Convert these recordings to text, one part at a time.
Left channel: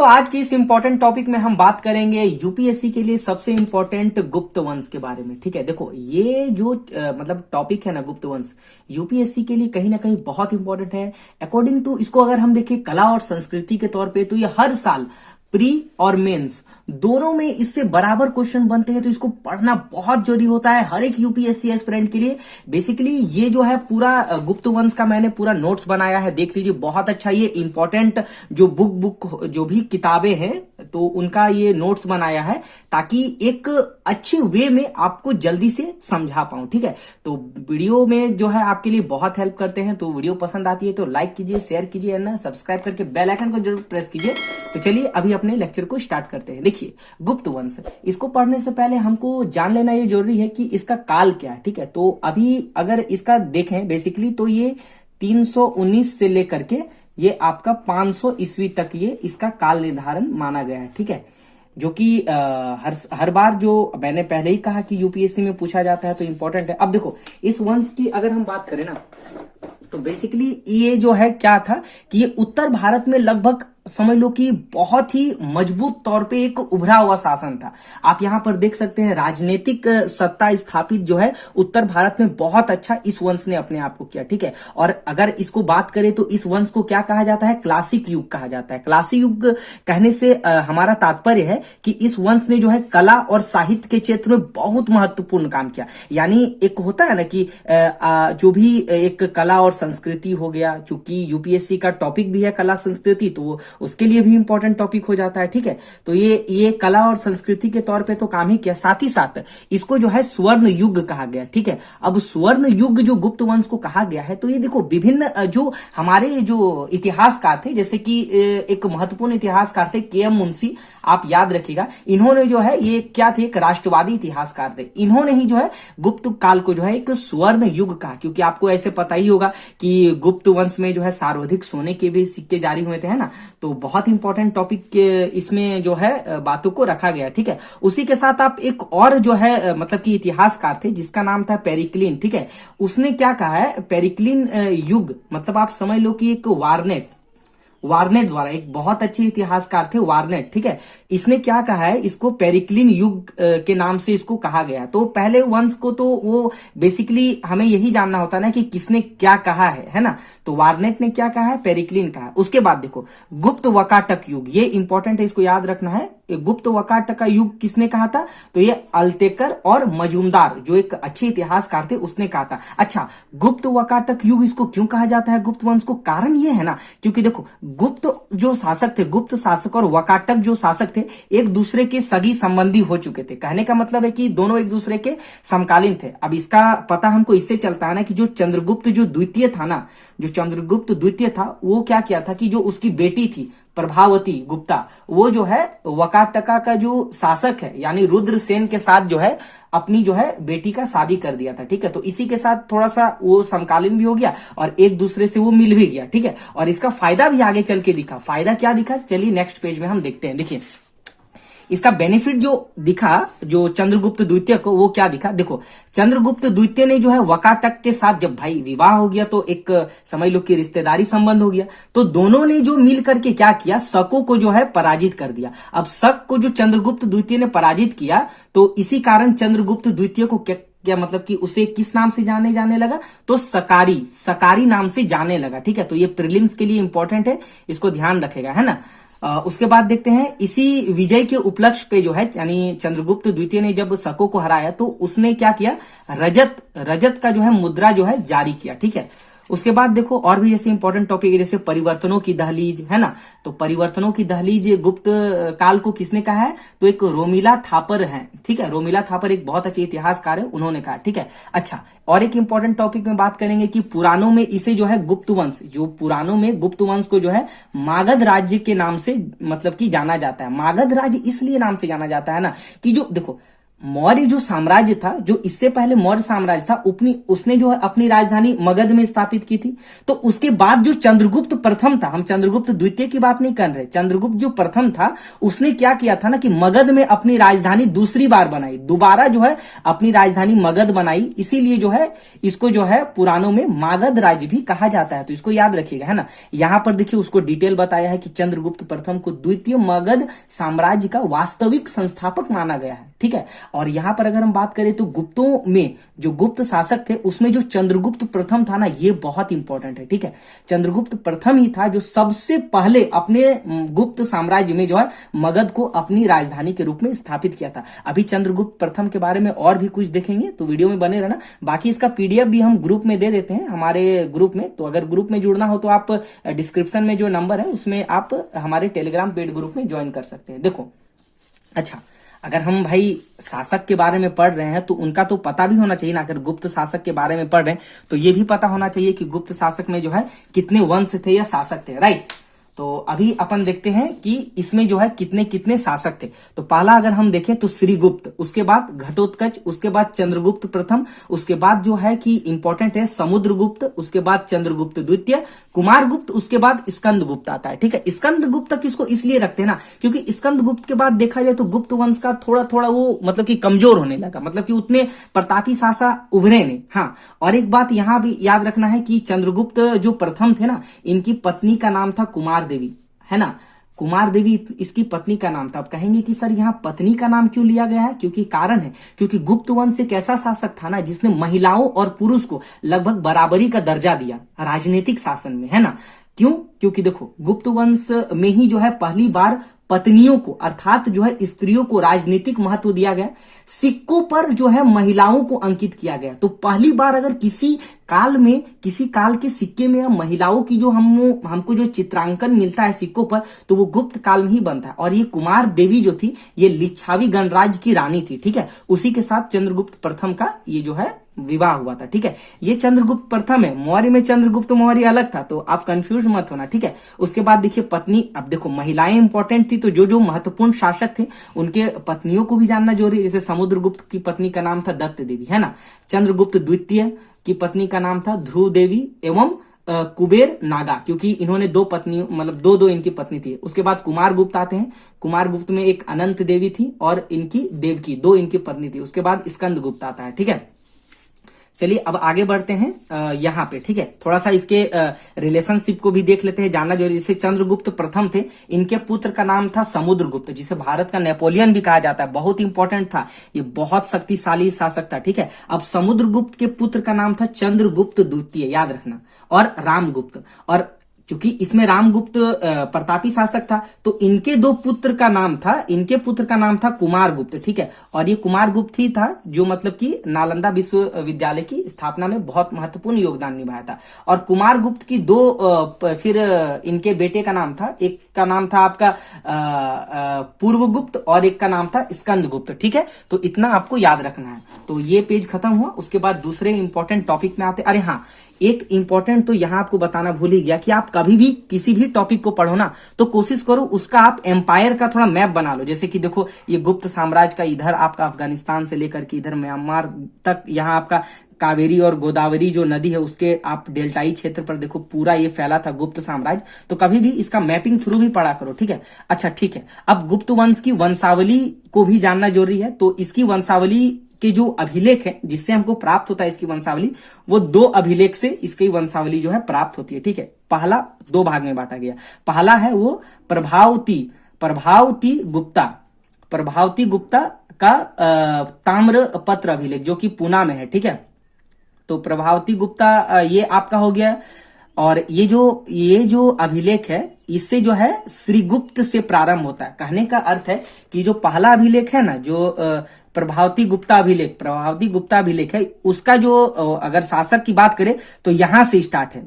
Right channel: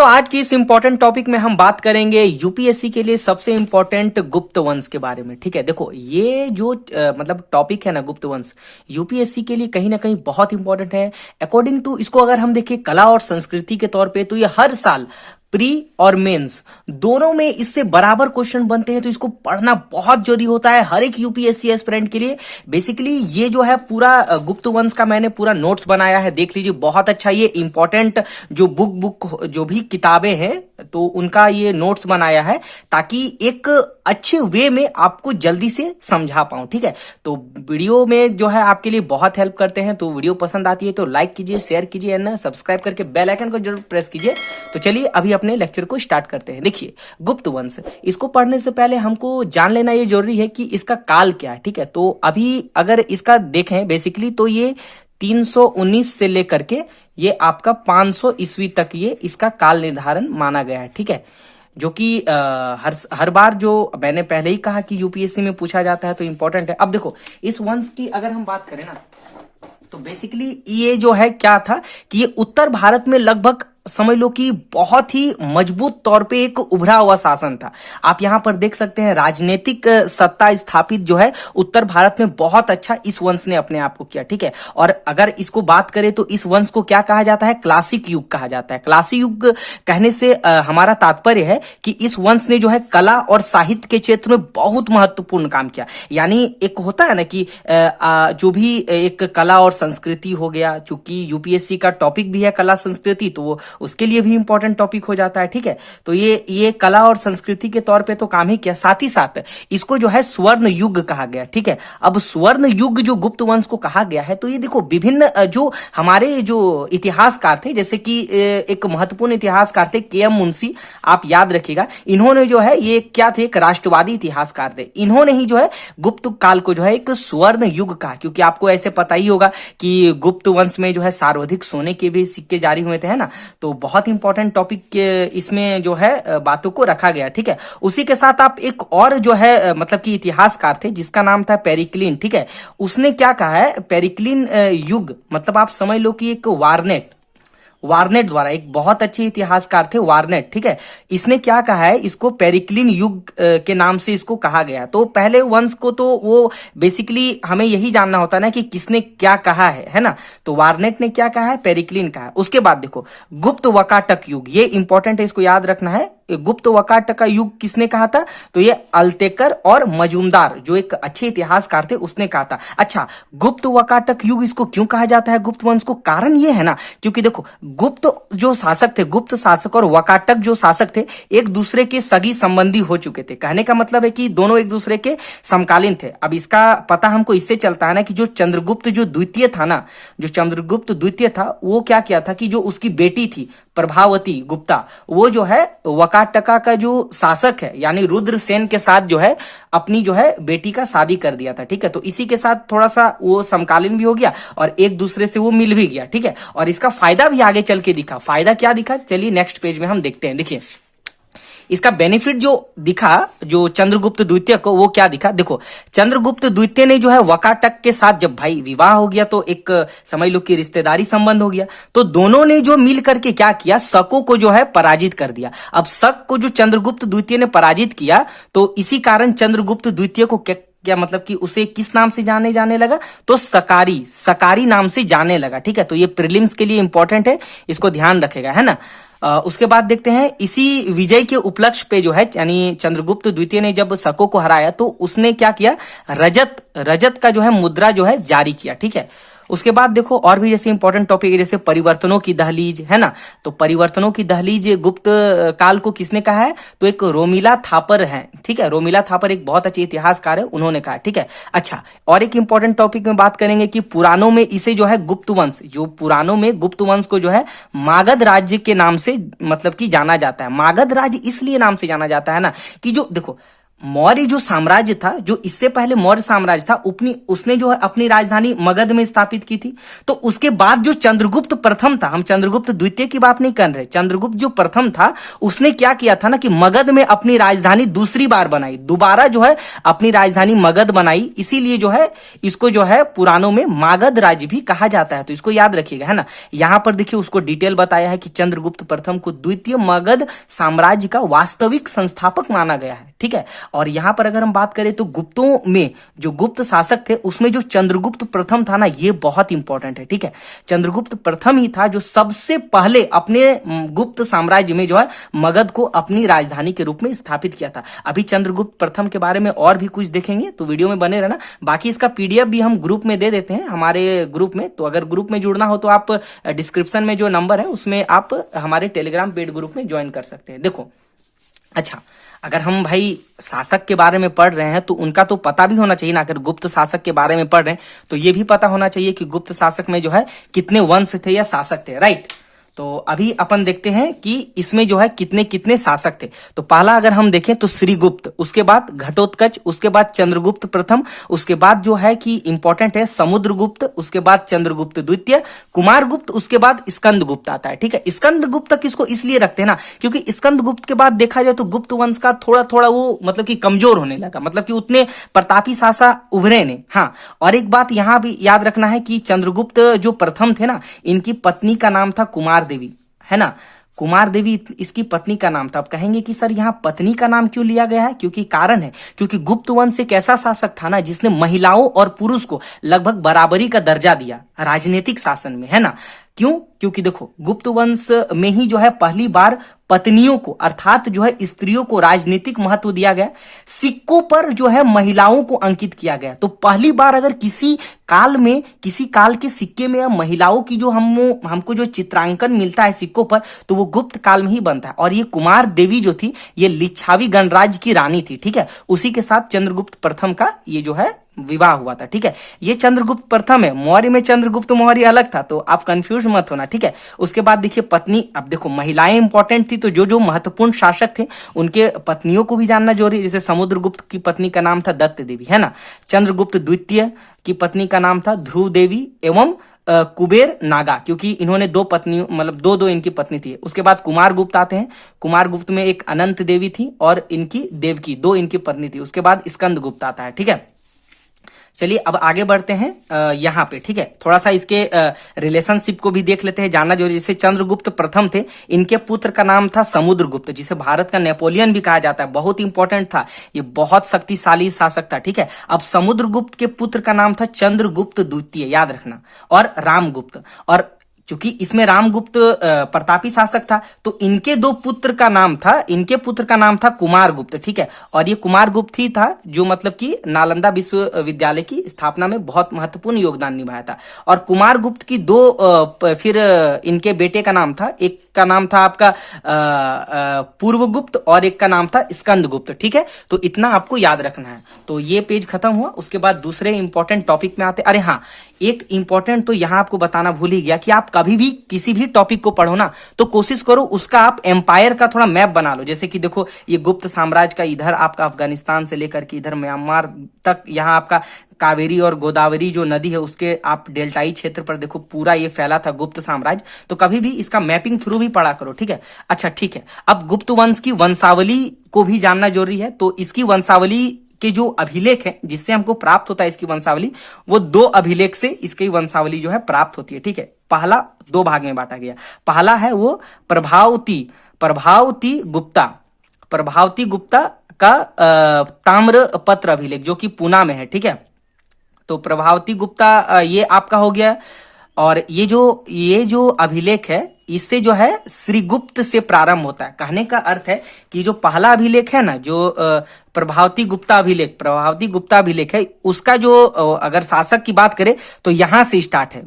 दोस्तों आज की इस इंपॉर्टेंट टॉपिक में हम बात करेंगे यूपीएससी के लिए सबसे इंपॉर्टेंट गुप्त वंश के बारे में। ठीक है, देखो ये जो मतलब टॉपिक है ना, गुप्त वंश यूपीएससी के लिए कहीं ना कहीं बहुत इंपॉर्टेंट है। अकॉर्डिंग टू इसको अगर हम देखें कला और संस्कृति के तौर पे, तो ये हर साल प्री और मेंस दोनों में इससे बराबर क्वेश्चन बनते हैं, तो इसको पढ़ना बहुत जरूरी होता है हर एक यूपीएससी एस्पिरेंट के लिए। बेसिकली ये जो है पूरा गुप्त वंश का मैंने पूरा नोट्स बनाया है, देख लीजिए, बहुत अच्छा। ये इंपॉर्टेंट जो बुक जो भी किताबें हैं तो उनका ये नोट्स बनाया है ताकि एक अच्छे वे में आपको जल्दी से समझा पाऊं। ठीक है, तो वीडियो में जो है आपके लिए बहुत हेल्प करते हैं, तो वीडियो पसंद आती है तो लाइक कीजिए, शेयर कीजिए ना, सब्सक्राइब करके बेल आइकन को जरूर प्रेस कीजिए। तो चलिए अभी अपने लेक्चर को स्टार्ट करते हैं। देखिए गुप्त वंश, इसको पढ़ने से पहले हमको जान लेना ये जरूरी है कि इसका काल क्या है। ठीक है, तो अभी अगर इसका देखें बेसिकली तो ये 319 से लेकर के ये आपका 500 ईस्वी तक ये इसका काल निर्धारण माना गया है। ठीक है, जो कि हर बार जो मैंने पहले ही कहा कि यूपीएससी में पूछा जाता है तो इंपॉर्टेंट है। अब देखो इस वंश की अगर हम बात करें ना, तो बेसिकली ये जो है क्या था कि ये उत्तर भारत में लगभग समझ लो कि बहुत ही मजबूत तौर पे एक उभरा हुआ शासन था। आप यहां पर देख सकते हैं राजनीतिक सत्ता स्थापित जो है उत्तर भारत में बहुत अच्छा इस वंश ने अपने आप को किया। ठीक है, और अगर इसको बात करें तो इस वंश को क्या कहा जाता है, क्लासिक युग कहा जाता है। क्लासिक युग कहने से हमारा तात्पर्य है कि इस वंश ने जो है कला और साहित्य के क्षेत्र में बहुत महत्वपूर्ण काम किया। यानी एक होता है ना कि जो भी एक कला और संस्कृति हो गया, चूंकि यूपीएससी का टॉपिक भी है कला संस्कृति, तो वो उसके लिए भी इंपॉर्टेंट टॉपिक हो जाता है। ठीक है, तो ये कला और संस्कृति के तौर पे तो काम ही किया, साथ ही साथ इसको जो है स्वर्ण युग कहा गया। ठीक है, अब स्वर्ण युग जो गुप्त वंश को कहा गया है, तो ये देखो विभिन्न जो हमारे जो इतिहासकार थे, जैसे कि एक महत्वपूर्ण इतिहासकार थे के एम मुंशी, आप याद रखिएगा, इन्होंने जो है ये क्या थे, एक राष्ट्रवादी इतिहासकार थे। इन्होंने ही जो है गुप्त काल को जो है एक स्वर्ण युग कहा, क्योंकि आपको ऐसे पता ही होगा कि गुप्त वंश में जो है सर्वाधिक सोने के भी सिक्के जारी हुए थे, है ना। तो बहुत इंपॉर्टेंट टॉपिक इसमें जो है बातों को रखा गया। ठीक है, उसी के साथ आप एक और जो है मतलब कि इतिहासकार थे जिसका नाम था पेरिक्लिन। ठीक है, उसने क्या कहा है, पेरिक्लिन युग मतलब आप समझ लो कि एक वार्नेट द्वारा, एक बहुत अच्छे इतिहासकार थे वार्नेट। ठीक है, इसने क्या कहा है, इसको पेरिक्लिन युग के नाम से इसको कहा गया। तो पहले वंश को तो वो बेसिकली हमें यही जानना होता है ना कि किसने क्या कहा है ना। तो वार्नेट ने क्या कहा है, पेरिक्लिन कहा है। उसके बाद देखो गुप्त वकाटक युग, ये इंपॉर्टेंट है, इसको याद रखना है। गुप्त वकाटक का युग किसने कहा था, तो ये अल्तेकर और मजूमदार जो एक अच्छे इतिहासकार थे उसने कहा था। अच्छा, गुप्त वकाटक युग इसको क्यों कहा जाता है गुप्त वंश को, कारण ये है ना, क्योंकि देखो गुप्त जो शासक थे, गुप्त शासक और वकाटक जो शासक थे, एक दूसरे के सगी संबंधी हो चुके थे। कहने का मतलब है कि दोनों एक दूसरे के समकालीन थे। अब इसका पता हमको इससे चलता है ना कि जो चंद्रगुप्त जो द्वितीय था ना, जो चंद्रगुप्त द्वितीय था, वो क्या किया था कि जो उसकी बेटी थी प्रभावती गुप्ता, वो जो है वकाटका का जो शासक है यानी रुद्रसेन के साथ जो है अपनी जो है बेटी का शादी कर दिया था। ठीक है, तो इसी के साथ थोड़ा सा वो समकालीन भी हो गया और एक दूसरे से वो मिल भी गया। ठीक है, और इसका फायदा भी आगे चल के दिखा। फायदा क्या दिखा, चलिए नेक्स्ट पेज में हम देखते हैं। देखिए इसका बेनिफिट जो दिखा जो चंद्रगुप्त द्वितीय को, वो क्या दिखा, देखो चंद्रगुप्त द्वितीय ने जो है वकाटक के साथ जब भाई विवाह हो गया तो एक समझ लो कि रिश्तेदारी संबंध हो गया, तो दोनों ने जो मिल करके क्या किया, शकों को जो है पराजित कर दिया। अब शक को जो चंद्रगुप्त द्वितीय ने पराजित किया, तो इसी कारण चंद्रगुप्त द्वितीय को क्या मतलब कि उसे किस नाम से जाने लगा, तो सकारी नाम से जाने लगा। ठीक है, तो ये प्रीलिम्स के लिए इंपॉर्टेंट है, इसको ध्यान रखेगा, है ना। उसके बाद देखते हैं इसी विजय के उपलक्ष्य पे जो है यानी चंद्रगुप्त द्वितीय ने जब शकों को हराया तो उसने क्या किया, रजत का जो है मुद्रा जो है जारी किया। ठीक है, उसके बाद देखो और भी जैसे इंपॉर्टेंट टॉपिक है, जैसे परिवर्तनों की दहलीज, है ना। तो परिवर्तनों की दहलीज गुप्त काल को किसने कहा है, तो एक रोमिला थापर है। ठीक है, रोमिला थापर एक बहुत अच्छे इतिहासकार है, उन्होंने कहा। ठीक है, अच्छा और एक इंपॉर्टेंट टॉपिक में बात करेंगे कि पुराणों में इसे जो है गुप्त वंश, जो पुराणों में गुप्त वंश को जो है मागध राज्य के नाम से मतलब कि जाना जाता है। मागध राज्य इसलिए नाम से जाना जाता है ना कि जो देखो मौर्य जो साम्राज्य था, जो इससे पहले मौर्य साम्राज्य था, उसने जो है अपनी राजधानी मगध में स्थापित की थी। तो उसके बाद जो चंद्रगुप्त प्रथम था, हम चंद्रगुप्त द्वितीय की बात नहीं कर रहे, चंद्रगुप्त जो प्रथम था उसने क्या किया था ना कि मगध में अपनी राजधानी दूसरी बार बनाई, दोबारा जो है अपनी राजधानी मगध बनाई। इसीलिए जो है इसको जो है पुराणों में मागध राज्य भी कहा जाता है। तो इसको याद रखिएगा, है ना। यहां पर देखिए उसको डिटेल बताया है कि चंद्रगुप्त प्रथम को द्वितीय मगध साम्राज्य का वास्तविक संस्थापक माना गया है, ठीक है। और यहां पर अगर हम बात करें तो गुप्तों में जो गुप्त शासक थे उसमें जो चंद्रगुप्त प्रथम था ना, ये बहुत इंपॉर्टेंट है, ठीक है। चंद्रगुप्त प्रथम ही था जो सबसे पहले अपने गुप्त साम्राज्य में जो है मगध को अपनी राजधानी के रूप में स्थापित किया था। अभी चंद्रगुप्त प्रथम के बारे में और भी कुछ देखेंगे, तो वीडियो में बने रहना। बाकी इसका पीडीएफ भी हम ग्रुप में दे देते हैं, हमारे ग्रुप में। तो अगर ग्रुप में जुड़ना हो तो आप डिस्क्रिप्शन में जो नंबर है उसमें आप हमारे टेलीग्राम पेड ग्रुप में ज्वाइन कर सकते हैं। देखो, अच्छा, अगर हम भाई शासक के बारे में पढ़ रहे हैं तो उनका तो पता भी होना चाहिए ना। अगर गुप्त शासक के बारे में पढ़ रहे हैं तो ये भी पता होना चाहिए कि गुप्त शासक में जो है कितने वंश थे या शासक थे, राइट। तो अभी अपन देखते हैं कि इसमें जो है कितने कितने शासक थे। तो पहला अगर हम देखें तो श्रीगुप्त, उसके बाद घटोत्कच, उसके बाद चंद्रगुप्त प्रथम, उसके बाद जो है कि इंपॉर्टेंट है समुद्रगुप्त, उसके बाद चंद्रगुप्त द्वितीय, कुमारगुप्त, उसके बाद स्कंदगुप्त आता है, ठीक है। स्कंदगुप्त किसको इसलिए रखते हैं ना क्योंकि स्कंदगुप्त के बाद देखा जाए तो गुप्त वंश का थोड़ा थोड़ा वो मतलब कि कमजोर होने लगा, मतलब कि उतने प्रतापी शासक उभरे नहीं। हाँ, और एक बात यहां भी याद रखना है कि चंद्रगुप्त जो प्रथम थे ना, इनकी पत्नी का नाम था कुमार देवी, है ना। कुमार देवी इसकी पत्नी का नाम था। अब कहेंगे कि सर यहाँ पत्नी का नाम क्यों लिया गया है? क्योंकि कारण है, क्योंकि गुप्त वंश एक ऐसा शासक था ना जिसने महिलाओं और पुरुष को लगभग बराबरी का दर्जा दिया राजनीतिक शासन में, है ना। क्यों? क्योंकि देखो गुप्त वंश में ही जो है पहली बार पत्नियों को अर्थात जो है स्त्रियों को राजनीतिक महत्व दिया गया, सिक्कों पर जो है महिलाओं को अंकित किया गया। तो पहली बार अगर किसी काल के सिक्के में महिलाओं की जो हमको जो चित्रांकन मिलता है सिक्कों पर, तो वो गुप्त काल में ही बनता है। और ये कुमार देवी जो थी ये लिच्छावी गणराज्य की रानी थी, ठीक है। उसी के साथ चंद्रगुप्त प्रथम का ये जो है विवाह हुआ था, ठीक है। ये चंद्रगुप्त प्रथम है, मौर्य में चंद्रगुप्त मौर्य अलग था, तो आप कंफ्यूज मत होना, ठीक है। उसके बाद देखिए पत्नी, अब देखो महिलाएं इंपॉर्टेंट थी, तो जो जो महत्वपूर्ण शासक थे उनके पत्नियों को भी जानना जरूरी। जैसे समुद्रगुप्त की पत्नी का नाम था दत्त देवी, है ना। चंद्रगुप्त द्वितीय की पत्नी का नाम था ध्रुव देवी एवं कुबेर नागा, क्योंकि इन्होंने दो पत्नी मतलब दो इनकी पत्नी थी। उसके बाद कुमार गुप्त आते हैं, कुमार गुप्त में एक अनंत देवी थी और इनकी देवकी, दो इनकी पत्नी थी। उसके बाद स्कंद गुप्त आता है, ठीक है। चलिए अब आगे बढ़ते हैं यहाँ पे, ठीक है। थोड़ा सा इसके रिलेशनशिप को भी देख लेते हैं, जानना जरूरी। जैसे चंद्रगुप्त प्रथम थे, इनके पुत्र का नाम था समुद्रगुप्त, जिसे भारत का नेपोलियन भी कहा जाता है, बहुत इंपॉर्टेंट था, ये बहुत शक्तिशाली शासक था, ठीक है। अब समुद्रगुप्त के पुत्र का नाम था चंद्रगुप्त द्वितीय, याद रखना, और रामगुप्त। और चूंकि इसमें रामगुप्त प्रतापी शासक था, तो इनके दो पुत्र का नाम था, इनके पुत्र का नाम था कुमारगुप्त, ठीक है। और ये कुमारगुप्त ही था जो मतलब कि नालंदा विश्वविद्यालय की स्थापना में बहुत महत्वपूर्ण योगदान निभाया था। और कुमारगुप्त की फिर इनके बेटे का नाम था, एक का नाम था आपका पूर्वगुप्त और एक का नाम था स्कंदगुप्त, ठीक है। तो इतना आपको याद रखना है। तो ये पेज खत्म हुआ। उसके बाद दूसरे इंपॉर्टेंट टॉपिक में आते। अरे हाँ, एक इंपॉर्टेंट तो यहां आपको बताना भूल ही गया कि आप कभी भी किसी भी टॉपिक को पढ़ो ना, तो कोशिश करो उसका आप एम्पायर का थोड़ा मैप बना लो। जैसे कि देखो ये गुप्त साम्राज्य का इधर आपका अफगानिस्तान से लेकर के इधर म्यांमार तक, यहाँ आपका कावेरी और गोदावरी जो नदी है उसके आप डेल्टाई क्षेत्र पर देखो पूरा ये फैला था गुप्त साम्राज्य। तो कभी भी इसका मैपिंग थ्रू भी पढ़ा करो, ठीक है। अच्छा ठीक है, अब गुप्त वंश की वंशावली को भी जानना जरूरी है। तो इसकी वंशावली के जो अभिलेख है जिससे हमको प्राप्त होता है इसकी वंशावली, वो दो अभिलेख से इसकी वंशावली जो है प्राप्त होती है, ठीक है। पहला दो भाग में बांटा गया। पहला है वो प्रभावती गुप्ता का ताम्र पत्र अभिलेख जो कि पूना में है, ठीक है। तो प्रभावती गुप्ता ये आपका हो गया। और ये जो अभिलेख है इससे जो है श्रीगुप्त से प्रारंभ होता है। कहने का अर्थ है कि जो पहला अभिलेख है ना, जो प्रभावती गुप्ता अभिलेख है, उसका जो अगर शासक की बात करें तो यहां से स्टार्ट है,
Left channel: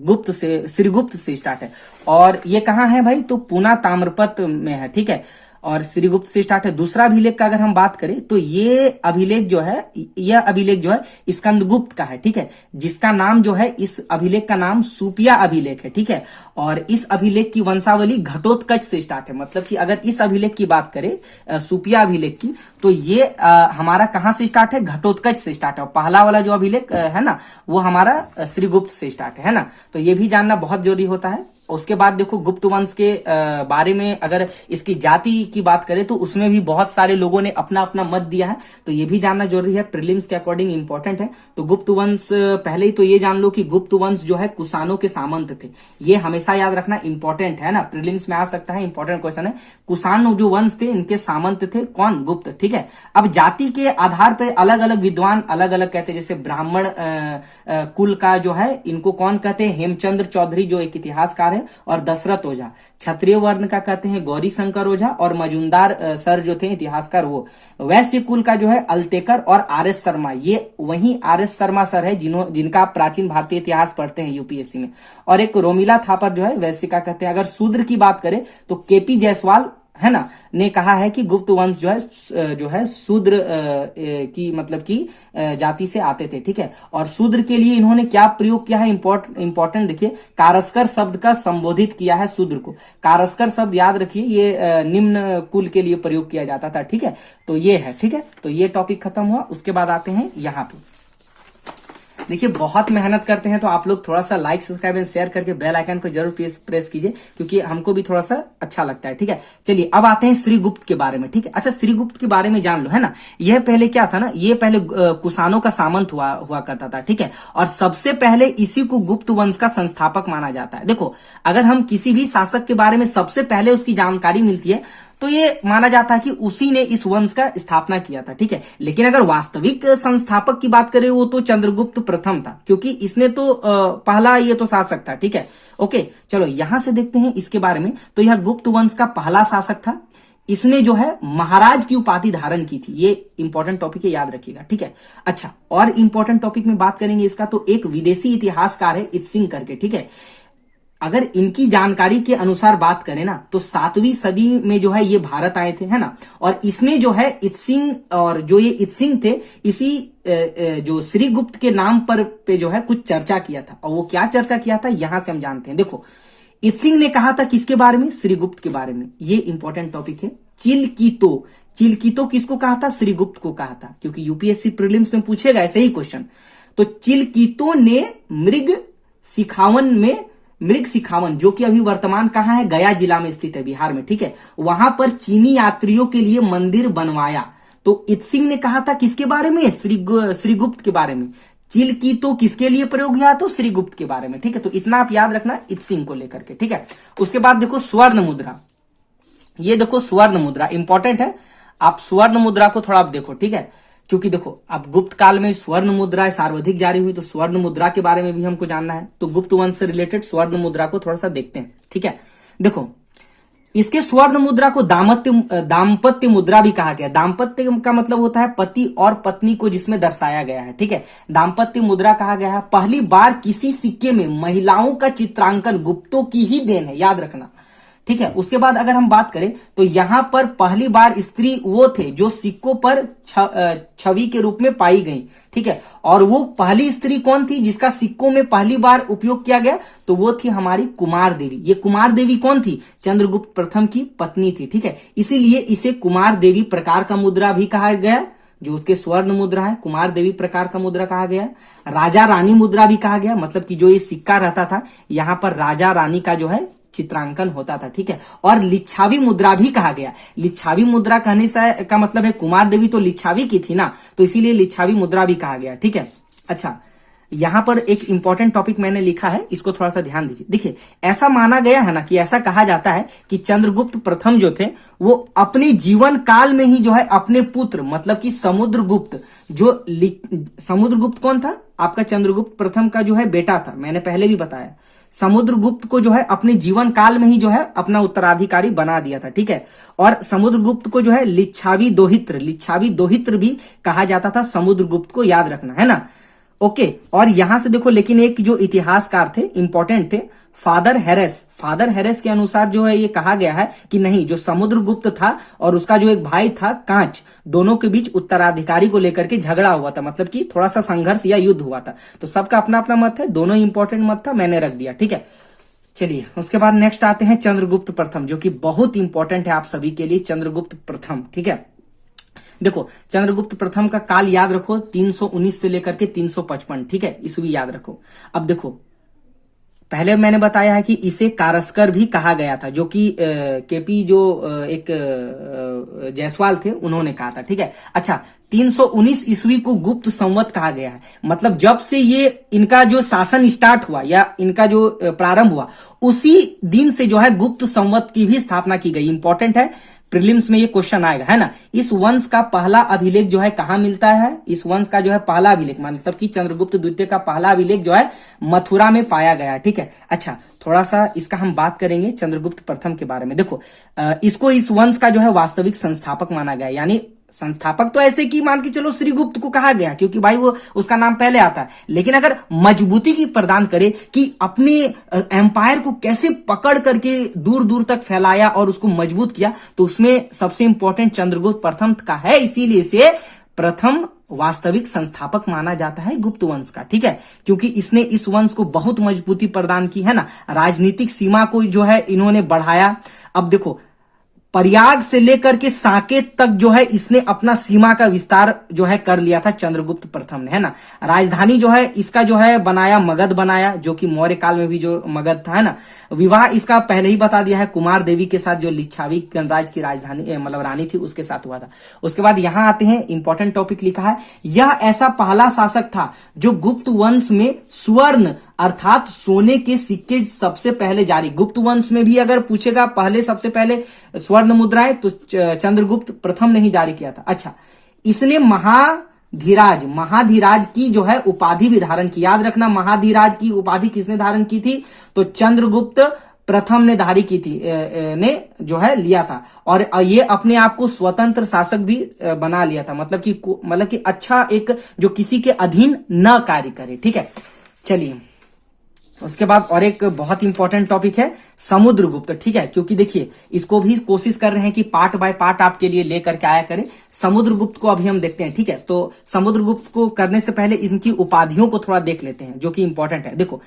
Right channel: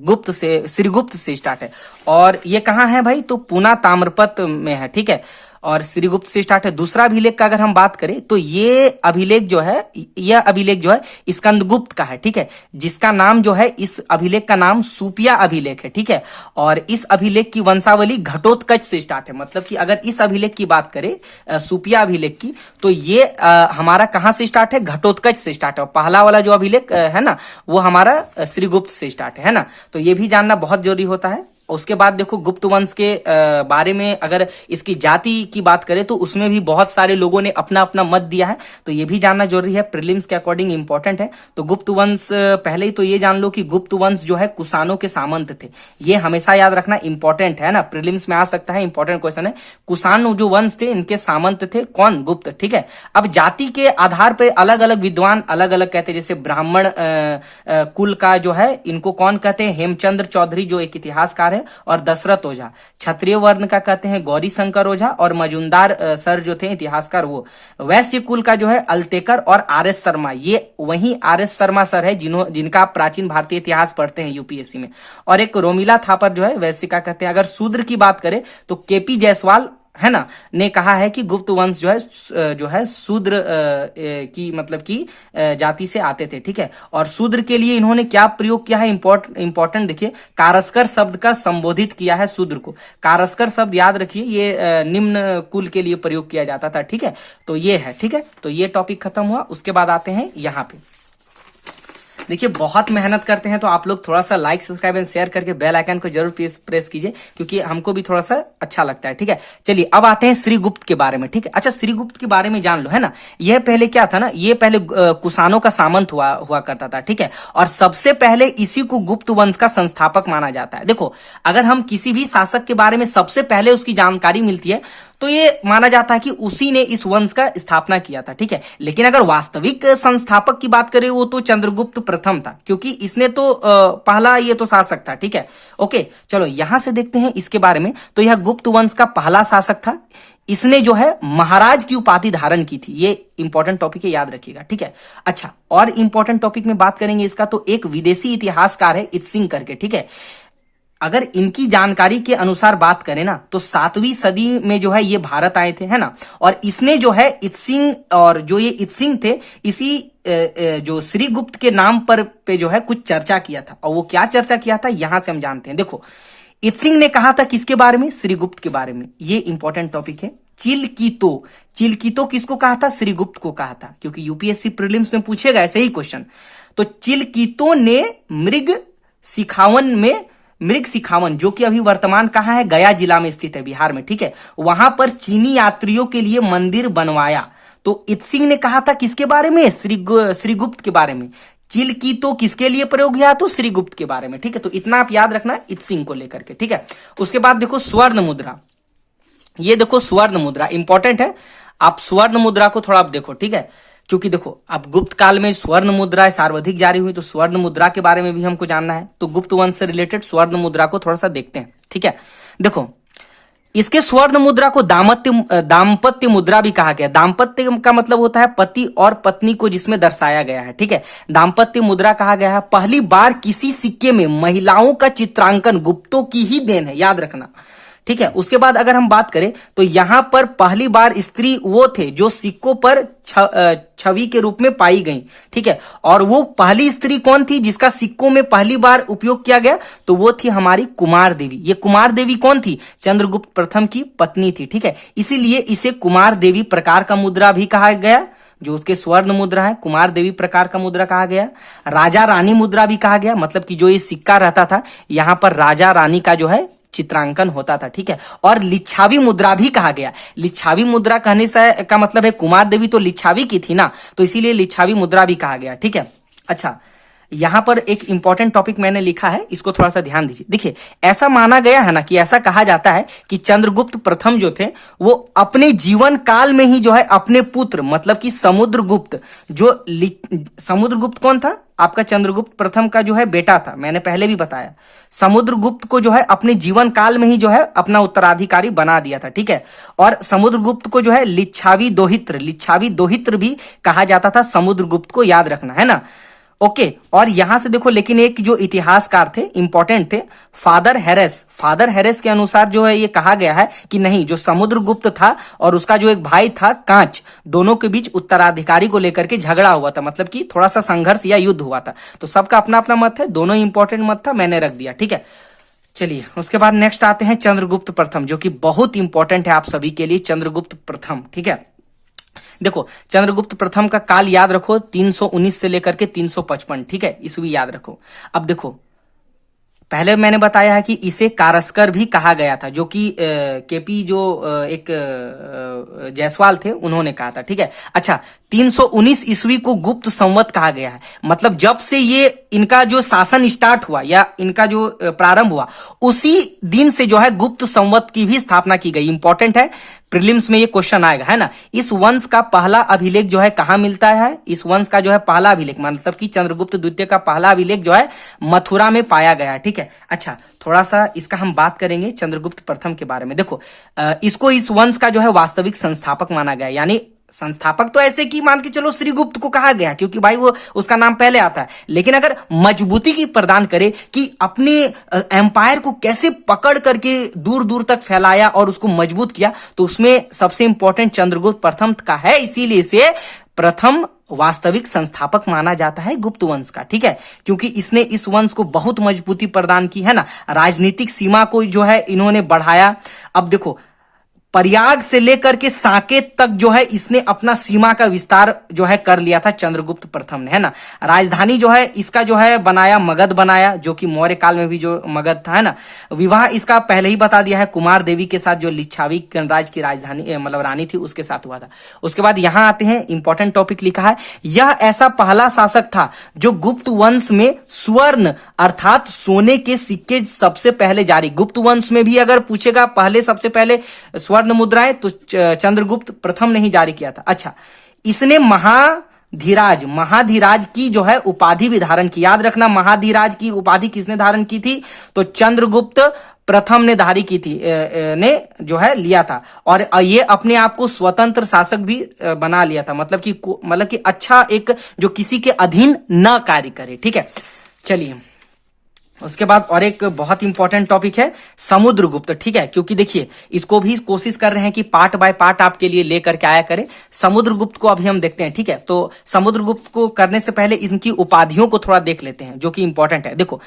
श्रीगुप्त से स्टार्ट है। और ये कहाँ है भाई? तो पूना ताम्रपत्र में है, ठीक है। और श्रीगुप्त से स्टार्ट है। दूसरा अभिलेख का अगर हम बात करें तो ये अभिलेख जो है, यह अभिलेख जो है स्कंदगुप्त का है, ठीक है, जिसका नाम जो है, इस अभिलेख का नाम सुपिया अभिलेख है, ठीक है। और इस अभिलेख की वंशावली घटोत्कच से स्टार्ट है, मतलब कि अगर इस अभिलेख की बात करें सुपिया अभिलेख की, तो ये हमारा कहां से स्टार्ट है, घटोत्कच से स्टार्ट है। पहला वाला जो अभिलेख है ना, वो हमारा श्रीगुप्त से स्टार्ट है ना। तो ये भी जानना बहुत जरूरी होता है। उसके बाद देखो गुप्त वंश के बारे में अगर इसकी जाति की बात करें तो उसमें भी बहुत सारे लोगों ने अपना अपना मत दिया है, तो ये भी जानना जरूरी है, प्रीलिम्स के अकॉर्डिंग इंपॉर्टेंट है। तो गुप्त वंश पहले ही तो ये जान लो कि गुप्त वंश जो है कुषाणों के सामंत थे, ये हमेशा याद रखना इंपॉर्टेंट है ना, प्रीलिम्स में आ सकता है, इंपॉर्टेंट क्वेश्चन है। कुषाण जो वंश थे इनके सामंत थे कौन, गुप्त, ठीक है। अब जाति के आधार पर अलग अलग विद्वान अलग अलग कहते हैं, जैसे ब्राह्मण कुल का जो है इनको कौन कहते हैं, हेमचंद्र चौधरी जो एक इतिहासकार है, और दशरथ ओझा। क्षत्रिय वर्ण का कहते हैं गौरी शंकर ओझा, और मजूमदार सर जो थे इतिहासकार वो। वैश्य कुल का जो है अल्टेकर और आर एस शर्मा, ये वही आर एस शर्मा सर है जिनका आप प्राचीन भारतीय इतिहास पढ़ते हैं यूपीएससी में। और एक रोमिला थापर जो है वैश्य का कहते हैं। अगर शूद्र की बात करें तो केपी जायसवाल है ना ने कहा है कि गुप्त वंश जो है शूद्र की मतलब की जाति से आते थे, ठीक है। और शूद्र के लिए इन्होंने क्या प्रयोग किया है, इंपॉर्टेंट देखिए, कारस्कर शब्द का संबोधित किया है शूद्र को। कारस्कर शब्द याद रखिए, ये निम्न कुल के लिए प्रयोग किया जाता था, ठीक है। तो ये है, ठीक है। तो ये टॉपिक खत्म हुआ। उसके बाद आते हैं यहाँ पे, देखिए बहुत मेहनत करते हैं तो आप लोग थोड़ा सा लाइक सब्सक्राइब एंड शेयर करके बेल आइकन को जरूर प्रेस कीजिए, क्योंकि हमको भी थोड़ा सा अच्छा लगता है, ठीक है। चलिए अब आते हैं श्रीगुप्त के बारे में, ठीक है। अच्छा, श्रीगुप्त के बारे में जान लो, है ना। यह पहले क्या था ना, ये पहले कुषाणों का सामंत हुआ करता था, ठीक है। और सबसे पहले इसी को गुप्त वंश का संस्थापक माना जाता है। देखो, अगर हम किसी भी शासक के बारे में सबसे पहले उसकी जानकारी मिलती है तो ये माना जाता है कि उसी ने इस वंश का स्थापना किया था, ठीक है। लेकिन अगर वास्तविक संस्थापक की बात करें वो तो चंद्रगुप्त प्रथम था, क्योंकि इसने तो पहला ये तो शासक था, ठीक है। ओके, चलो यहां से देखते हैं इसके बारे में। तो यह गुप्त वंश का पहला शासक था। इसने जो है महाराज की उपाधि धारण की थी। ये इंपॉर्टेंट टॉपिक है, याद रखिएगा, ठीक है। अच्छा, और इंपॉर्टेंट टॉपिक में बात करेंगे इसका, तो एक विदेशी इतिहासकार है इत्सिंग करके, ठीक है। अगर इनकी जानकारी के अनुसार बात करें ना तो 7वीं सदी में जो है ये भारत आए थे, है ना। और इसने जो है इत्सिंग, और जो ये इत्सिंग थे, इसी जो श्रीगुप्त के नाम पर पे जो है कुछ चर्चा किया था। और वो क्या चर्चा किया था यहां से हम जानते हैं। देखो, इत्सिंग ने कहा था किसके बारे में, श्रीगुप्त के बारे में। ये इंपॉर्टेंट टॉपिक है। चिलकितो किसको कहा था, श्रीगुप्त को कहा था, क्योंकि यूपीएससी प्रीलिम्स में पूछेगा ऐसे ही क्वेश्चन। तो चिलकितो ने मृग सिखावन जो कि अभी वर्तमान कहाँ है, गया जिला में स्थित है, बिहार में, ठीक है। वहां पर चीनी यात्रियों के लिए मंदिर बनवाया। तो इत्सिंग ने कहा था किसके बारे में, श्रीगुप्त के बारे में। चिलकितो किसके लिए प्रयोग किया, तो श्रीगुप्त के बारे में, ठीक है। तो इतना आप याद रखना इत्सिंग को लेकर के, ठीक है। उसके बाद देखो स्वर्ण मुद्रा, ये देखो स्वर्ण मुद्रा इंपॉर्टेंट है। आप स्वर्ण मुद्रा को थोड़ा आप देखो, ठीक है, क्योंकि देखो अब गुप्त काल में स्वर्ण मुद्रा सर्वाधिक जारी हुई, तो स्वर्ण मुद्रा के बारे में भी हमको जानना है। तो गुप्त वंश से रिलेटेड स्वर्ण मुद्रा को थोड़ा सा देखते हैं, ठीक है। देखो, इसके स्वर्ण मुद्रा को दाम्पत्य मुद्रा भी कहा गया। दाम्पत्य का मतलब होता है पति और पत्नी को जिसमें दर्शाया गया है, ठीक है। दाम्पत्य मुद्रा कहा गया है। पहली बार किसी सिक्के में महिलाओं का चित्रांकन गुप्तों की ही देन है, याद रखना, ठीक है। उसके बाद अगर हम बात करें तो यहां पर पहली बार स्त्री वो थे जो सिक्कों पर छवि के रूप में पाई गई, ठीक है। और वो पहली स्त्री कौन थी जिसका सिक्कों में पहली बार उपयोग किया गया, तो वो थी हमारी कुमार देवी। ये कुमार देवी कौन थी, चंद्रगुप्त प्रथम की पत्नी थी, ठीक है। इसीलिए इसे कुमार देवी प्रकार का मुद्रा भी कहा गया, जो उसके स्वर्ण मुद्रा है, कुमार देवी प्रकार का मुद्रा कहा गया। राजा रानी मुद्रा भी कहा गया, मतलब कि जो ये सिक्का रहता था यहां पर राजा रानी का जो है चित्रांकन होता था, ठीक है। और लिच्छावी मुद्रा भी कहा गया। लिच्छावी मुद्रा कहने से का मतलब है कुमार देवी तो लिच्छावी की थी ना, तो इसीलिए लिच्छावी मुद्रा भी कहा गया, ठीक है। अच्छा, यहां पर एक इंपॉर्टेंट टॉपिक मैंने लिखा है, इसको थोड़ा सा ध्यान दीजिए। देखिए, ऐसा माना गया है ना कि ऐसा कहा जाता है कि चंद्रगुप्त प्रथम जो थे वो अपने जीवन काल में ही जो है अपने पुत्र, मतलब कि समुद्रगुप्त, जो समुद्रगुप्त कौन था, आपका चंद्रगुप्त प्रथम का जो है बेटा था, मैंने पहले भी बताया। समुद्रगुप्त को जो है अपने जीवन काल में ही जो है अपना उत्तराधिकारी बना दिया था, ठीक है। और समुद्रगुप्त को जो है लिच्छावी दोहित्र भी कहा जाता था, समुद्रगुप्त को, याद रखना, है ना। ओके। और यहां से देखो, लेकिन एक जो इतिहासकार थे, इंपॉर्टेंट थे, फादर हैरेस के अनुसार जो है ये कहा गया है कि नहीं, जो समुद्रगुप्त था और उसका जो एक भाई था कांच, दोनों के बीच उत्तराधिकारी को लेकर के झगड़ा हुआ था, मतलब कि थोड़ा सा संघर्ष या युद्ध हुआ था। तो सबका अपना अपना मत है, दोनों इंपॉर्टेंट मत था, मैंने रख दिया, ठीक है। चलिए उसके बाद नेक्स्ट आते हैं चंद्रगुप्त प्रथम, जो कि बहुत इंपॉर्टेंट है आप सभी के लिए। चंद्रगुप्त प्रथम, ठीक है। देखो चंद्रगुप्त प्रथम का काल याद रखो, 319 से लेकर के 355, ठीक है, ईस्वी याद रखो। अब देखो, पहले मैंने बताया है कि इसे कारस्कर भी कहा गया था, जो कि केपी जो एक जायसवाल थे उन्होंने कहा था, ठीक है। अच्छा, 319 ईस्वी को गुप्त संवत कहा गया है, मतलब जब से ये इनका जो शासन स्टार्ट हुआ या इनका जो प्रारंभ हुआ, उसी दिन से जो है गुप्त संवत की भी स्थापना की गई। इंपॉर्टेंट है, प्रीलिम्स में ये क्वेश्चन आएगा, है ना। इस वंश का पहला अभिलेख जो है कहां मिलता है? इस वंश का जो है पहला अभिलेख, मतलब कि चंद्रगुप्त द्वितीय का पहला अभिलेख जो है मथुरा में पाया गया है, ठीक है। अच्छा, थोड़ा सा इसका हम बात करेंगे चंद्रगुप्त प्रथम के बारे में। देखो, इसको इस वंश का जो है वास्तविक संस्थापक माना गया, यानी संस्थापक तो ऐसे कि मान के चलो श्रीगुप्त को कहा गया, क्योंकि भाई वो उसका नाम पहले आता है, लेकिन अगर मजबूती की प्रदान करे कि अपने एम्पायर को कैसे पकड़ करके दूर दूर तक फैलाया और उसको मजबूत किया, तो उसमें सबसे इंपॉर्टेंट चंद्रगुप्त प्रथम का है, इसीलिए इसे प्रथम वास्तविक संस्थापक माना जाता है गुप्त वंश का, ठीक है। क्योंकि इसने इस वंश को बहुत मजबूती प्रदान की, है ना, राजनीतिक सीमा को जो है इन्होंने बढ़ाया। अब देखो, प्रयाग से लेकर के साकेत तक जो है इसने अपना सीमा का विस्तार जो है कर लिया था चंद्रगुप्त प्रथम ने, है ना। राजधानी जो है इसका जो है बनाया, मगध बनाया, जो कि मौर्य काल में भी जो मगध था, है ना। विवाह इसका पहले ही बता दिया है, कुमार देवी के साथ, जो लिच्छावी गणराज्य की राजधानी मतलब रानी थी, उसके साथ हुआ था। उसके बाद यहां आते हैं, इंपॉर्टेंट टॉपिक लिखा है, यह ऐसा पहला शासक था जो गुप्त वंश में स्वर्ण अर्थात सोने के सिक्के सबसे पहले जारी। गुप्त वंश में भी अगर पूछेगा पहले, सबसे पहले स्वर्ण मुद्राएं, तो चंद्रगुप्त प्रथम ने ही जारी किया था। अच्छा, इसने महाधीराज की जो है उपाधि भी धारण की। याद रखना, महाधीराज की उपाधि किसने धारण की थी? तो चंद्रगुप्त प्रथम ने धारी की थी, ने जो है लिया था। और ये अपने आप को स्वतंत्र शासक भी बना लिया था, मतलब कि अच्छा एक जो किसी के अधीन न कार्य करे, ठीक है। चलिए उसके बाद और एक बहुत इंपॉर्टेंट टॉपिक है समुद्रगुप्त, ठीक है। क्योंकि देखिए, इसको भी कोशिश कर रहे हैं कि पार्ट बाय पार्ट आपके लिए लेकर के आया करें। समुद्रगुप्त को अभी हम देखते हैं, ठीक है। तो समुद्रगुप्त को करने से पहले इनकी उपाधियों को थोड़ा देख लेते हैं, जो कि इंपॉर्टेंट है। देखो,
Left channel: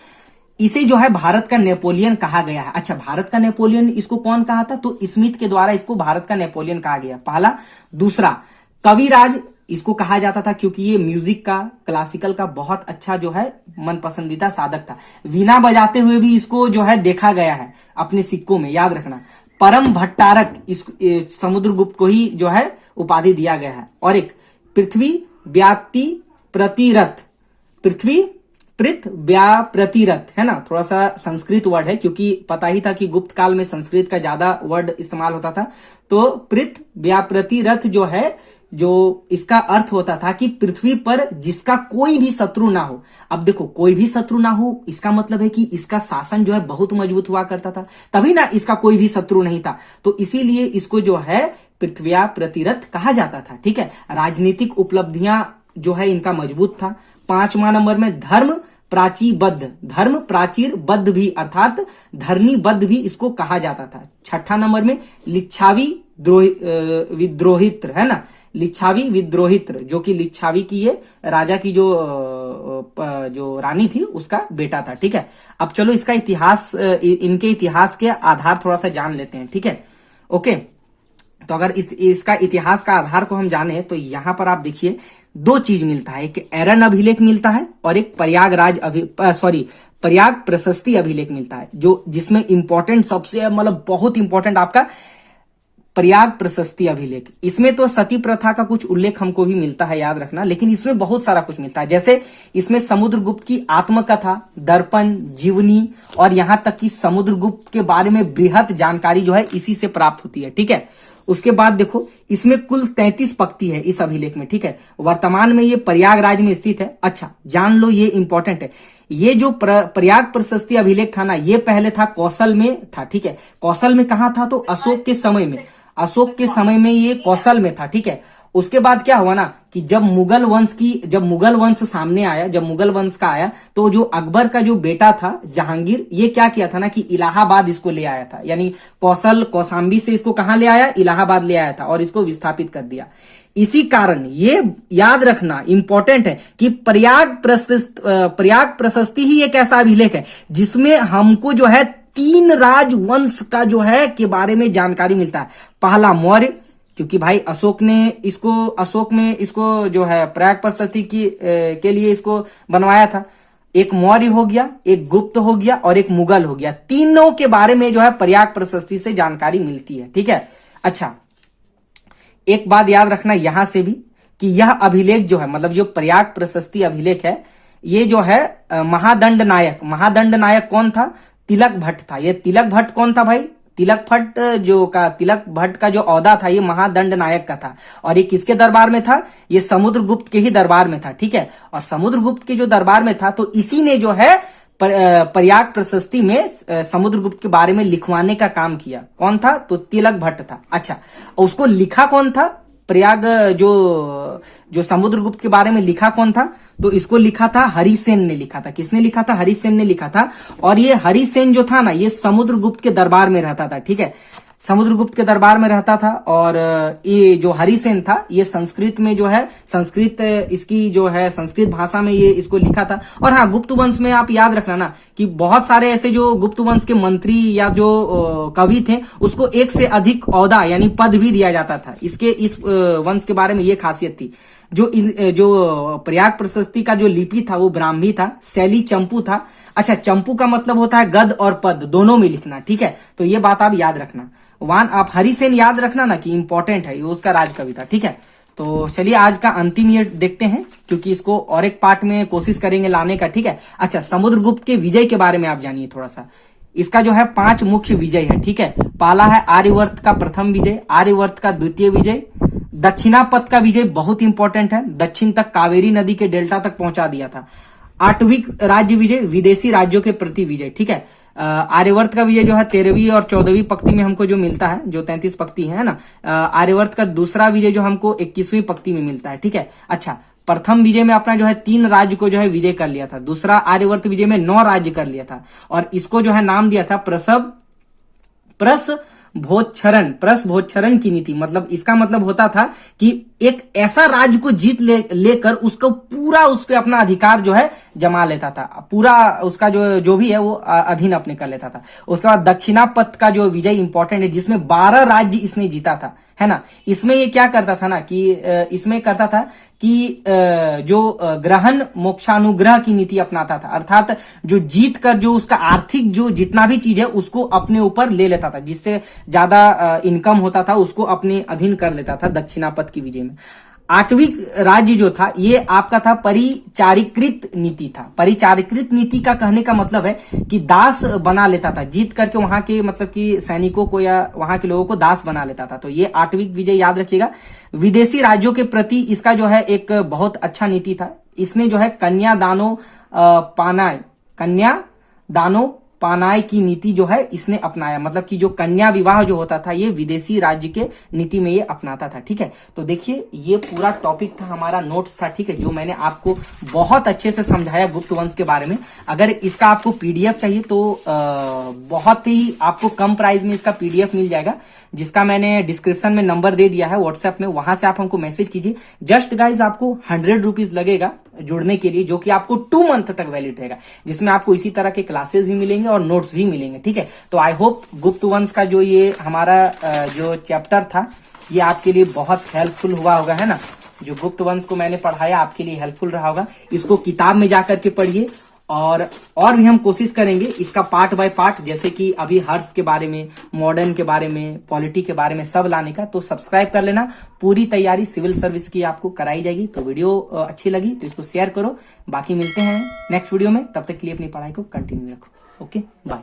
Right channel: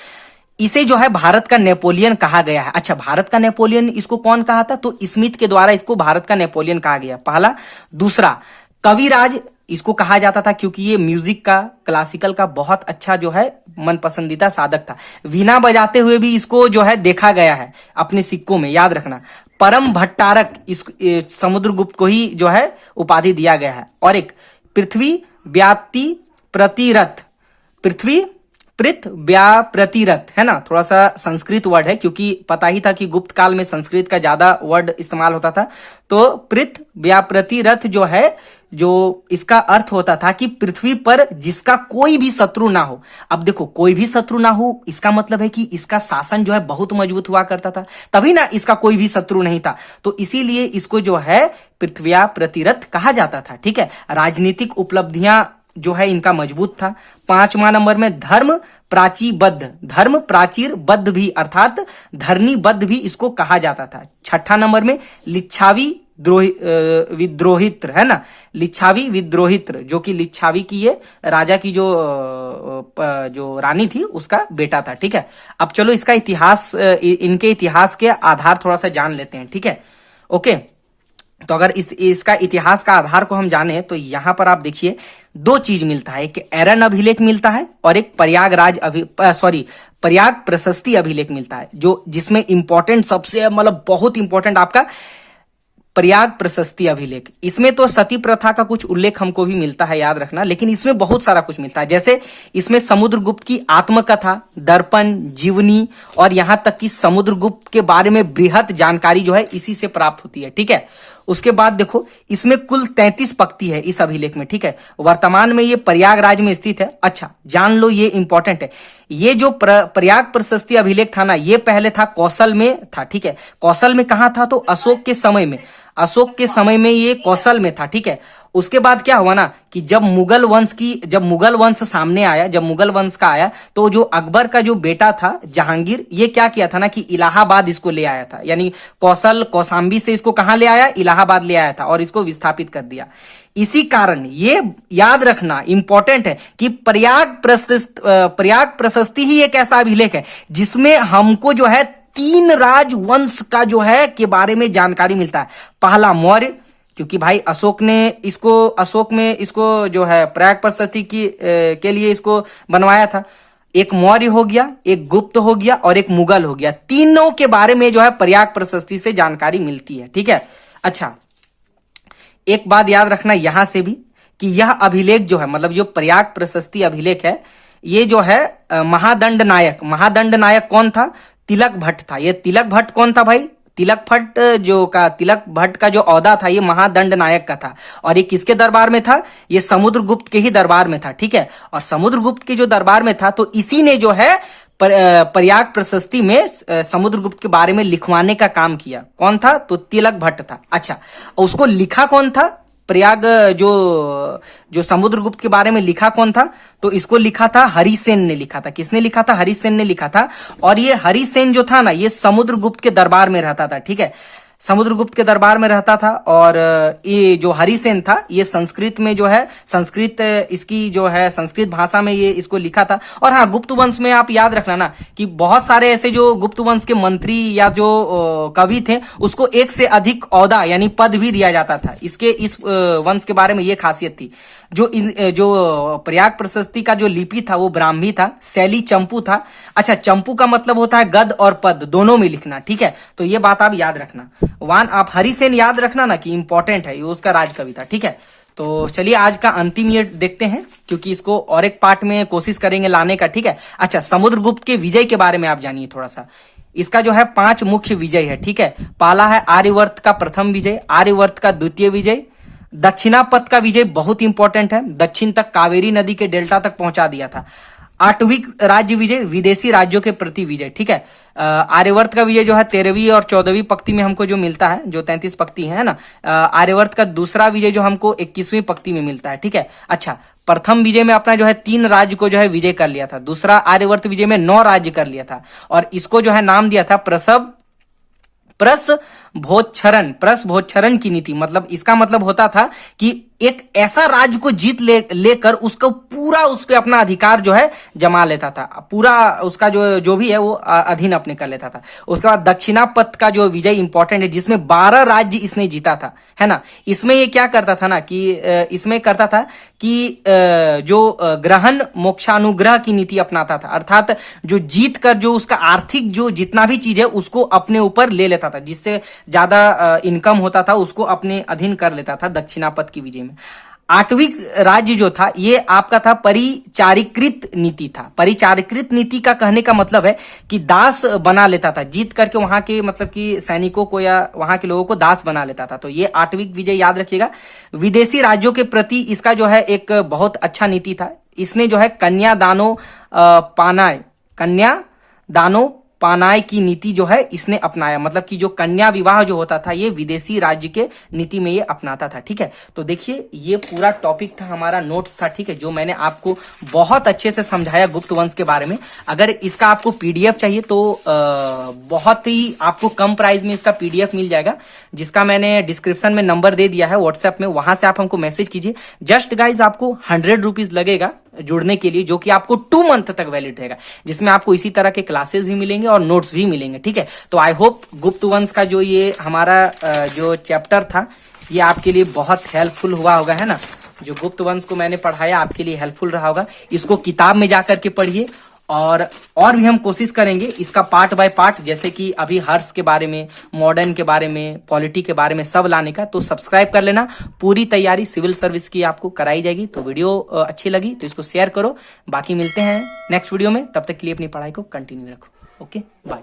इसे जो है भारत का नेपोलियन कहा गया है। अच्छा, भारत का नेपोलियन इसको कौन कहा था? तो स्मिथ के द्वारा इसको भारत का नेपोलियन कहा गया, पहला। दूसरा, कविराज इसको कहा जाता था, क्योंकि ये म्यूजिक का, क्लासिकल का बहुत अच्छा जो है मन पसंदीदा साधक था। वीणा बजाते हुए भी इसको जो है देखा गया है अपने सिक्कों में, याद रखना। परम भट्टारक, इस समुद्रगुप्त को ही जो है उपाधि दिया गया है। और एक पृथ्वी व्याप्ति प्रतिरथ, पृथ्वी पृथ व्याप्रतिरथ, है ना, थोड़ा सा संस्कृत वर्ड है, क्योंकि पता ही था कि गुप्त काल में संस्कृत का ज्यादा वर्ड इस्तेमाल होता था। तो पृथ व्याप्रतिरथ जो है, जो इसका अर्थ होता था कि पृथ्वी पर जिसका कोई भी शत्रु ना हो। अब देखो, कोई भी शत्रु ना हो, इसका मतलब है कि इसका शासन जो है बहुत मजबूत हुआ करता था, तभी ना इसका कोई भी शत्रु नहीं था। तो इसीलिए इसको जो है पृथ्व्या प्रतिरथ कहा जाता था, ठीक है। राजनीतिक उपलब्धियां जो है इनका मजबूत था। 5वां नंबर में धर्म प्राचीर बद्ध भी, अर्थात धरनी बद्ध भी इसको कहा जाता था। 6ठा नंबर में लिच्छावी विद्रोहित्र, है ना, लिच्छावी विद्रोहित्र, जो कि लिच्छावी की ये राजा की जो रानी थी उसका बेटा था, ठीक है। अब चलो इसका इतिहास, इनके इतिहास के आधार थोड़ा सा जान लेते हैं, ठीक है। ओके, तो अगर इसका इतिहास का आधार को हम जाने, तो यहां पर आप देखिए 2 चीज मिलता है, एक एरन अभिलेख मिलता है और एक प्रयाग प्रशस्ति अभिलेख मिलता है, जो जिसमें इंपॉर्टेंट सबसे मतलब बहुत इंपॉर्टेंट आपका प्रयाग प्रशस्ति अभिलेख। इसमें तो सती प्रथा का कुछ उल्लेख हमको भी मिलता है, याद रखना, लेकिन इसमें बहुत सारा कुछ मिलता है। जैसे इसमें समुद्रगुप्त की आत्मकथा, दर्पण, जीवनी और यहां तक कि समुद्रगुप्त के बारे में बृहत जानकारी जो है इसी से प्राप्त होती है, ठीक है। उसके बाद देखो, इसमें कुल 33 पंक्ति है इस अभिलेख में, ठीक है। वर्तमान में ये प्रयागराज में स्थित है। अच्छा, जान लो, ये इंपॉर्टेंट है। ये जो प्रयाग प्रशस्ति अभिलेख था ना, ये पहले था कौशल में था, ठीक है। कौशल में कहां था? तो अशोक के समय में। अशोक के समय में ये कौशल में था, ठीक है। उसके बाद क्या हुआ ना कि जब मुगल वंश सामने आया, जब मुगल वंश का आया, तो जो अकबर का जो बेटा था जहांगीर, ये क्या किया था ना कि इलाहाबाद इसको ले आया था, यानी कौशाम्बी से इसको कहां ले आया, इलाहाबाद ले आया था और इसको विस्थापित कर दिया। इसी कारण ये याद रखना इंपॉर्टेंट है कि प्रयाग प्रशस्ति ही एक ऐसा अभिलेख है जिसमें हमको जो है 3 राजवंश का जो है के बारे में जानकारी मिलता है। पहला मौर्य, क्योंकि भाई अशोक में इसको जो है प्रयाग प्रशस्ति के लिए इसको बनवाया था। एक मौर्य हो गया, एक गुप्त हो गया और एक मुगल हो गया। तीनों के बारे में जो है प्रयाग प्रशस्ति से जानकारी मिलती है, ठीक है। अच्छा, एक बात याद रखना यहां से भी कि यह अभिलेख जो है, मतलब जो प्रयाग प्रशस्ति अभिलेख है, ये जो है महादंड नायक कौन था? तिलक भट्ट था। ये तिलक भट्ट कौन था भाई? तिलक भट्ट का जो औहदा था ये महादंड नायक का था। और ये किसके दरबार में था? ये समुद्रगुप्त के ही दरबार में था, ठीक है। और समुद्रगुप्त के जो दरबार में था तो इसी ने जो है प्रयाग प्रशस्ति में समुद्रगुप्त के बारे में लिखवाने का काम किया। कौन था? तो तिलक भट्ट था। अच्छा, उसको लिखा कौन था? प्रयाग जो समुद्रगुप्त के बारे में लिखा कौन था? तो इसको लिखा था हरिसेन ने लिखा था। किसने लिखा था? हरिसेन ने लिखा था। और ये हरिसेन जो था ना, ये समुद्रगुप्त के दरबार में रहता था, ठीक है। समुद्रगुप्त के दरबार में रहता था। और ये जो हरिसेन था ये संस्कृत में जो है इसकी जो है संस्कृत भाषा में ये इसको लिखा था। और हाँ, गुप्त वंश में आप याद रखना ना कि बहुत सारे ऐसे जो गुप्त वंश के मंत्री या जो कवि थे उसको एक से अधिक औहदा यानी पद भी दिया जाता था। इस वंश के बारे में ये खासियत थी। जो प्रयाग प्रशस्ति का जो लिपि था वो ब्राह्मी था, शैली चंपू था। अच्छा, चंपू का मतलब होता है गद और पद दोनों में लिखना, ठीक है। तो ये बात आप याद रखना। आप हरिसेन याद रखना ना कि इंपॉर्टेंट है, ये उसका राजकवि था, ठीक है। तो चलिए आज का अंतिम ये देखते हैं, क्योंकि इसको और एक पार्ट में कोशिश करेंगे लाने का, ठीक है। अच्छा, समुद्रगुप्त के विजय के बारे में आप जानिए थोड़ा सा। इसका जो है 5 मुख्य विजय है, ठीक है। पहला है आर्यवर्त का प्रथम विजय, आर्यवर्त का द्वितीय विजय, दक्षिणापथ का विजय बहुत इंपॉर्टेंट है, दक्षिण तक कावेरी नदी के डेल्टा तक पहुंचा दिया था। आठवीं राज्य विजय, विदेशी राज्यों के प्रति विजय, ठीक है। आर्यवर्त का विजय जो है 13वीं और 14वीं पंक्ति में हमको जो मिलता है, जो 33 पंक्ति है ना। आर्यवर्त का दूसरा विजय जो हमको 21वीं पंक्ति में मिलता है, ठीक है। अच्छा, प्रथम विजय में अपना जो है 3 राज्य को जो है विजय कर लिया था। दूसरा आर्यवर्त विजय में 9 राज्य कर लिया था। और इसको जो है नाम दिया था प्रसभोच्छरण की नीति। मतलब इसका मतलब होता था कि एक ऐसा राज्य को जीत लेकर उसको पूरा उस पे अपना अधिकार जो है जमा लेता था, पूरा उसका जो भी है वो अधीन अपने कर लेता था। उसके बाद दक्षिणापथ का जो विजय इंपॉर्टेंट है, जिसमें 12 राज्य इसने जीता था, है ना। इसमें ये क्या करता था ना कि इसमें करता था कि जो ग्रहण मोक्षानुग्रह की नीति अपनाता था। अर्थात जो जीत कर जो उसका आर्थिक जो जितना भी चीज है उसको अपने ऊपर ले लेता था, जिससे ज्यादा इनकम होता था उसको अपने अधीन कर लेता था दक्षिणापथ की विजय में। 8वीं राज्य जो था ये आपका था परिचारिकृत नीति था। परिचारिकृत नीति का कहने का मतलब है कि दास बना लेता था, जीत करके वहां के मतलब कि सैनिकों को या वहां के लोगों को दास बना लेता था। तो ये 8वीं विजय याद रखिएगा। विदेशी राज्यों के प्रति इसका जो है एक बहुत अच्छा नीति था। इसने जो है कन्यादानो पानाय की नीति जो है इसने अपनाया। मतलब कि जो कन्या विवाह जो होता था ये विदेशी राज्य के नीति में ये अपनाता था, ठीक है। तो देखिए ये पूरा टॉपिक था, हमारा नोट्स था, ठीक है, जो मैंने आपको बहुत अच्छे से समझाया गुप्त वंश के बारे में। अगर इसका आपको पीडीएफ चाहिए तो बहुत ही आपको कम प्राइस में इसका पीडीएफ मिल जाएगा, जिसका मैंने डिस्क्रिप्शन में नंबर दे दिया है व्हाट्सएप में, वहां से आप हमको मैसेज कीजिए। जस्ट गाइज आपको 100 रुपीज लगेगा जुड़ने के लिए, जो कि आपको 2 मंथ तक वैलिड रहेगा, जिसमें आपको इसी तरह के क्लासेस भी मिलेंगे और नोट्स भी मिलेंगे, ठीक है। तो आई होप गुप्त वंश का जो ये हमारा जो चैप्टर था ये आपके लिए बहुत हेल्पफुल हुआ होगा, है ना। जो गुप्त वंश को मैंने पढ़ाया आपके लिए हेल्पफुल रहा होगा। इसको किताब में जाकर के पढ़िए और भी हम कोशिश करेंगे इसका पार्ट बाय पार्ट, जैसे कि अभी हर्ष के बारे में, मॉडर्न के बारे में, पॉलिटी के बारे में सब लाने का। तो सब्सक्राइब कर लेना, पूरी तैयारी सिविल सर्विस की आपको कराई जाएगी। तो वीडियो अच्छी लगी तो इसको शेयर करो। बाकी मिलते हैं नेक्स्ट वीडियो में, तब तक के लिए अपनी पढ़ाई को कंटिन्यू रखो। Okay, bye.